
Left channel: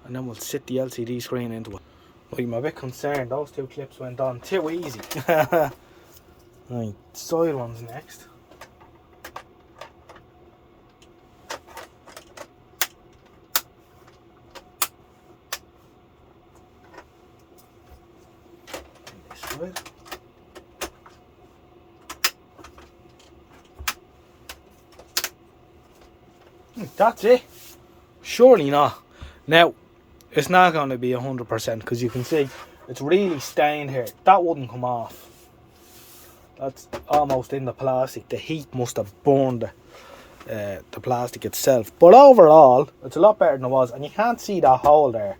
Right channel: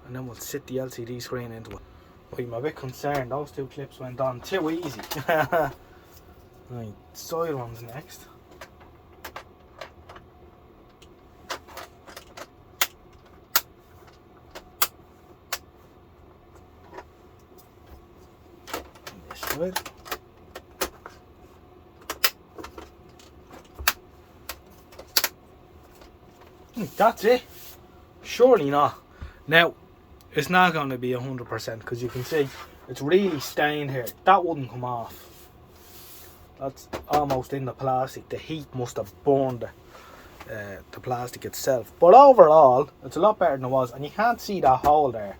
and then we'll sit the LCD screen into it. I'm a bit concerned, those two clips went on too easy. Right, side one's next. This side. That's it. Surely not. Now, it's not going to be 100% because you can see it's really stained here. That wouldn't come off. That's almost in the plastic. The heat must have burned the plastic itself. But overall, it's a lot better than it was. And you can't see that hole there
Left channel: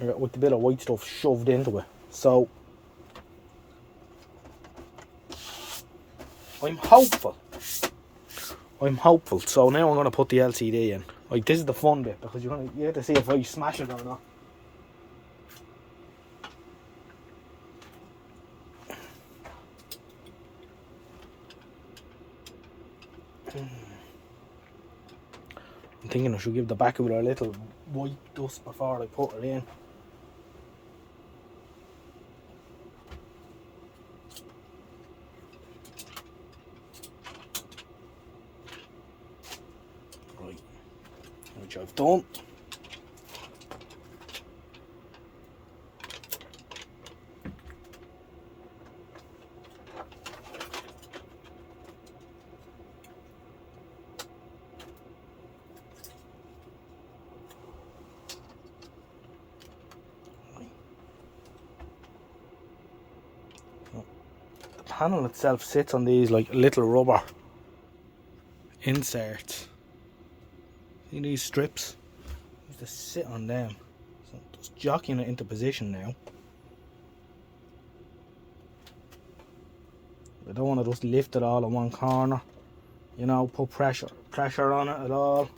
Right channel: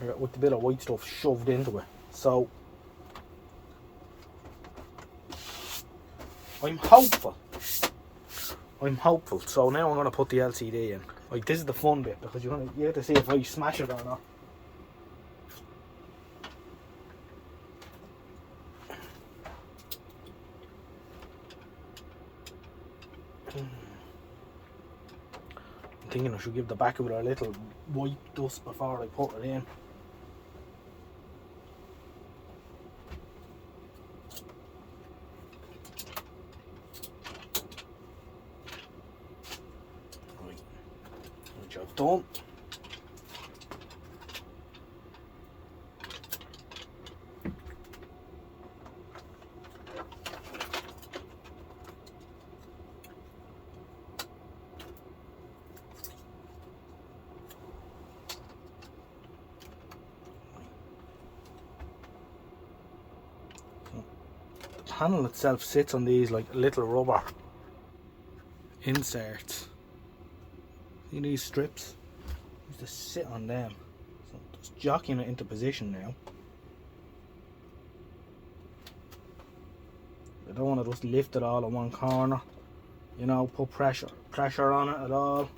with the bit of white stuff shoved into it. So, I'm hopeful. So now I'm going to put the LCD in. Like, this is the fun bit because you have to see if I smash it or not. I'm thinking I should give the back of it a little white dust before I put it in. Right, which I've done. The panel itself sits on these like little rubber inserts. See these strips? Just sit on them. So just jockeying it into position now. I don't want to just lift it all in one corner. You know, put pressure on it at all.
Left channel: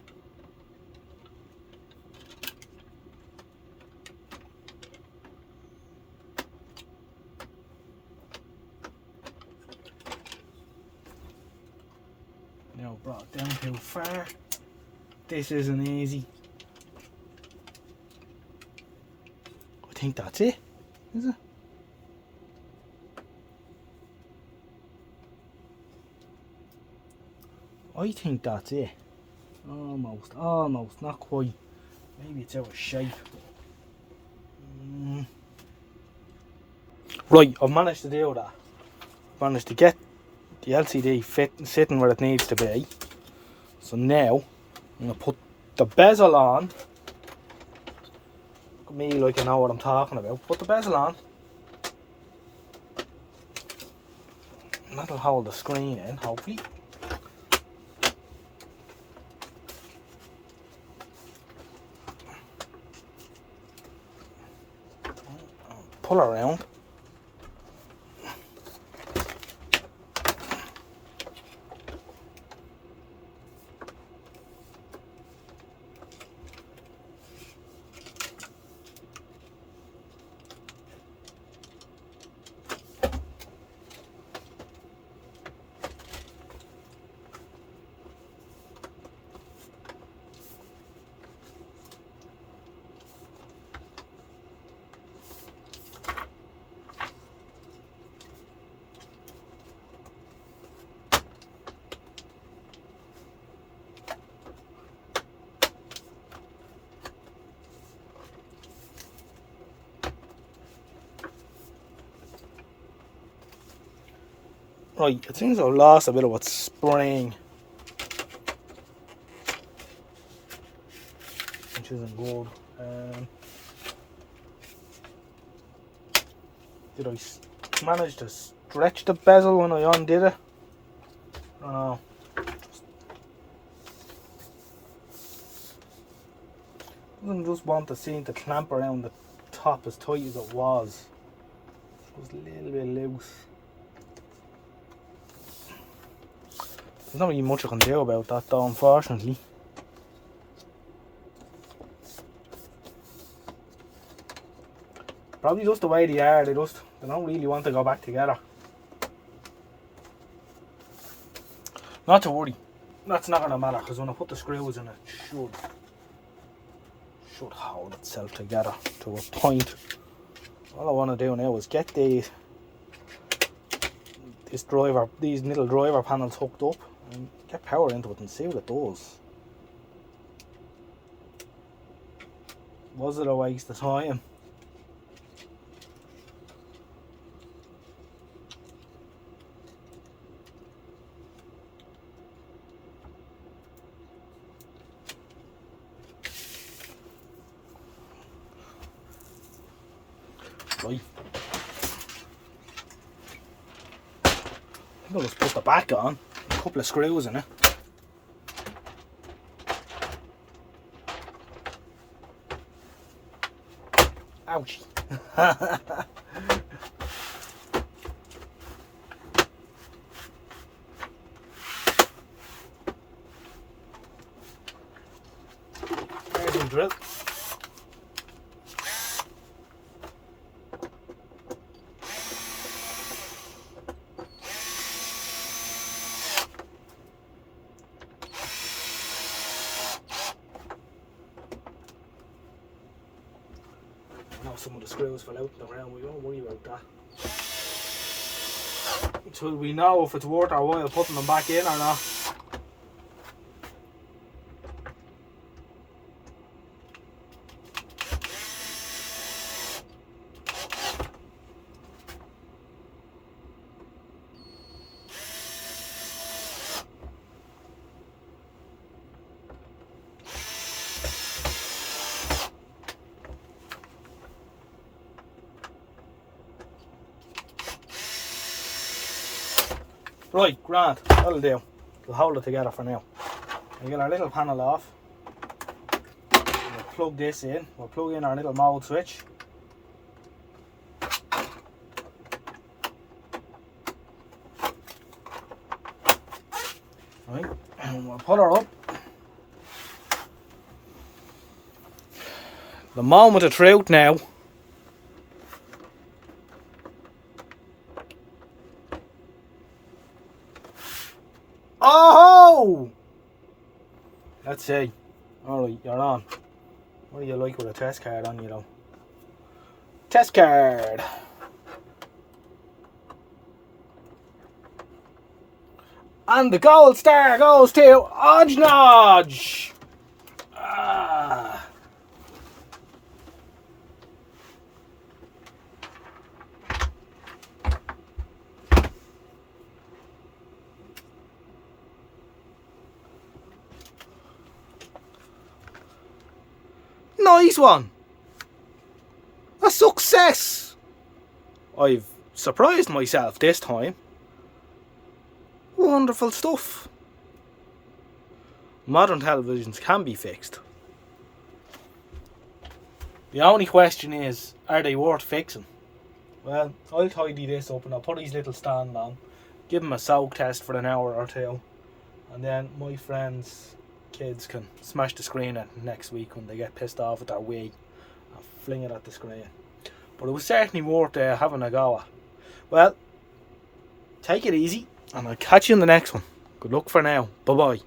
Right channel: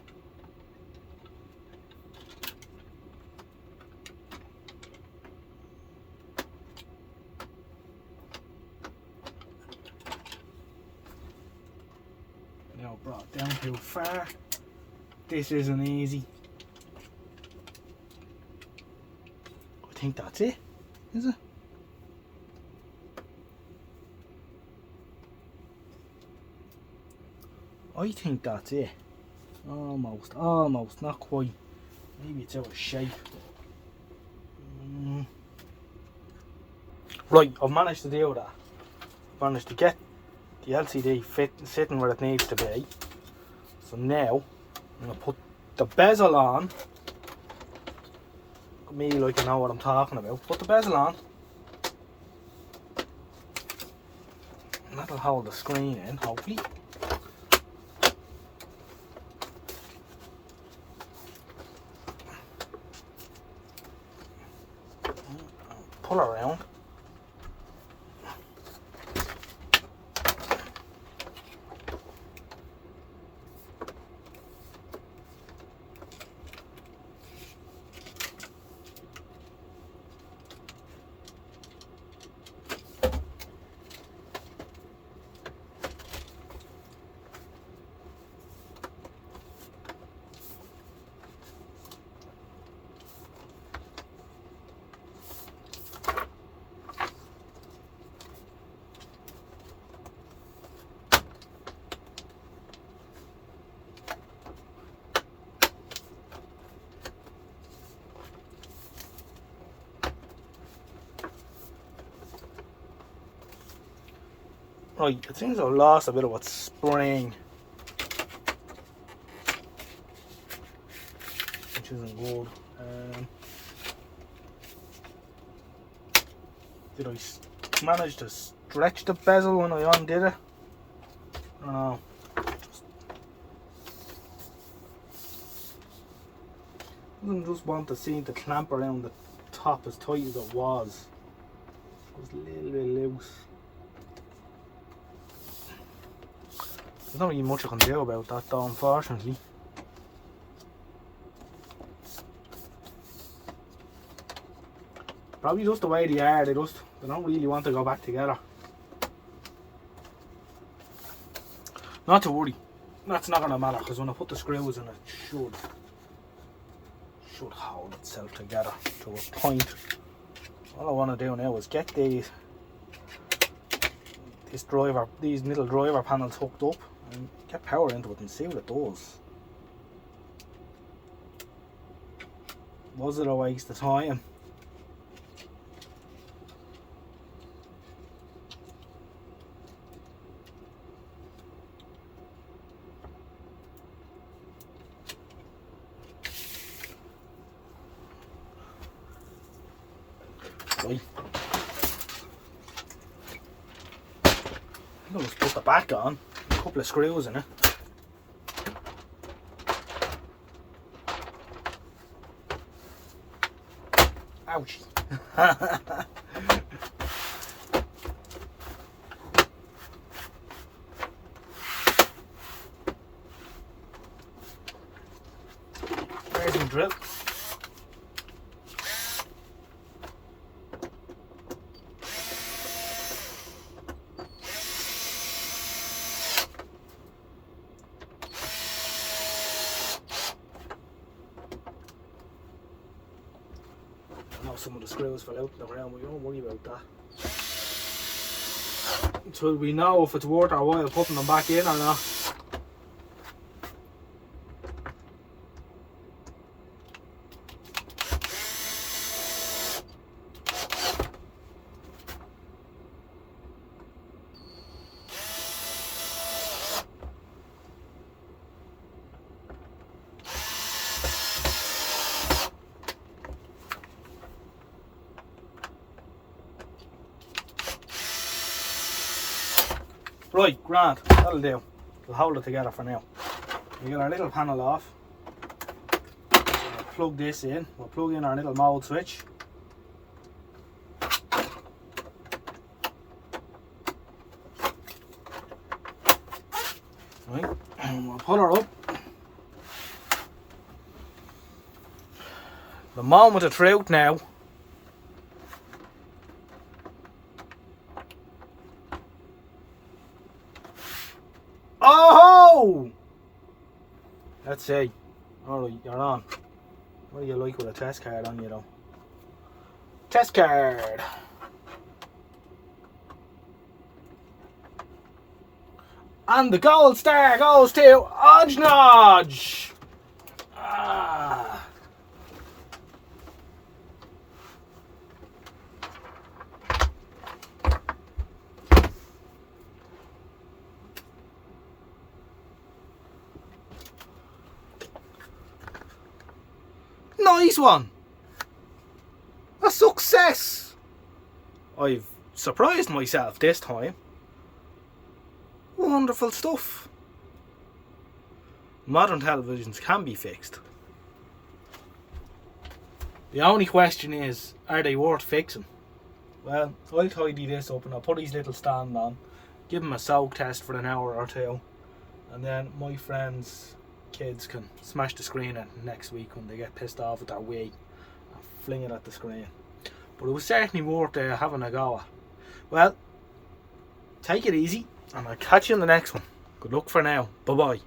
Now brought it down too far. This isn't easy. I think that's it, is it? I think that's it. Almost, not quite. Maybe it's out of shape. Right, I've managed to do that. Managed to get the LCD sitting where it needs to be. So now I'm going to put the bezel on. Me like I know what I'm talking about. Put the bezel on. And that'll hold the screen in, hopefully. Pull around. Right, it seems I've lost a bit of its spring, which isn't good. Did I manage to stretch the bezel when I undid it? don't know. I just want to see the clamp around the top as tight as it was. It was a little bit loose. There's not really much I can do about that though, unfortunately. Probably just the way they are, they don't really want to go back together. Not to worry, that's not going to matter, because when I put the screws in it, should hold itself together to a point. All I want to do now is get these little driver panels hooked up and get power into it and see what it does. Was it a waste of time? Right. I'm going to put the back on, a couple of screws in it. Ouch. There's the drill. Some of the screws fell out in the ground, we don't worry about that. Until we know if it's worth our while putting them back in or not. Right, grand, that'll do. We'll hold it together for now. We'll get our little panel off. We'll plug this in. We'll plug in our little mode switch. Right, and we'll put her up. The moment of truth now. Oh! Let's see. Alright, you're on. What do you like with a test card on you though? Test card! And the gold star goes to ojnoj! Ah. Nice one! A success! I've surprised myself this time. Wonderful stuff. Modern televisions can be fixed. The only question is, are they worth fixing? Well, I'll tidy this up and I'll put these little stand on, give them a soak test for an hour or two, and then my friends' kids can smash the screen at next week when they get pissed off at their Wii and fling it at the screen. But it was certainly worth having a go at. Well, take it easy and I'll catch you in the next one. Good luck for now. Bye bye.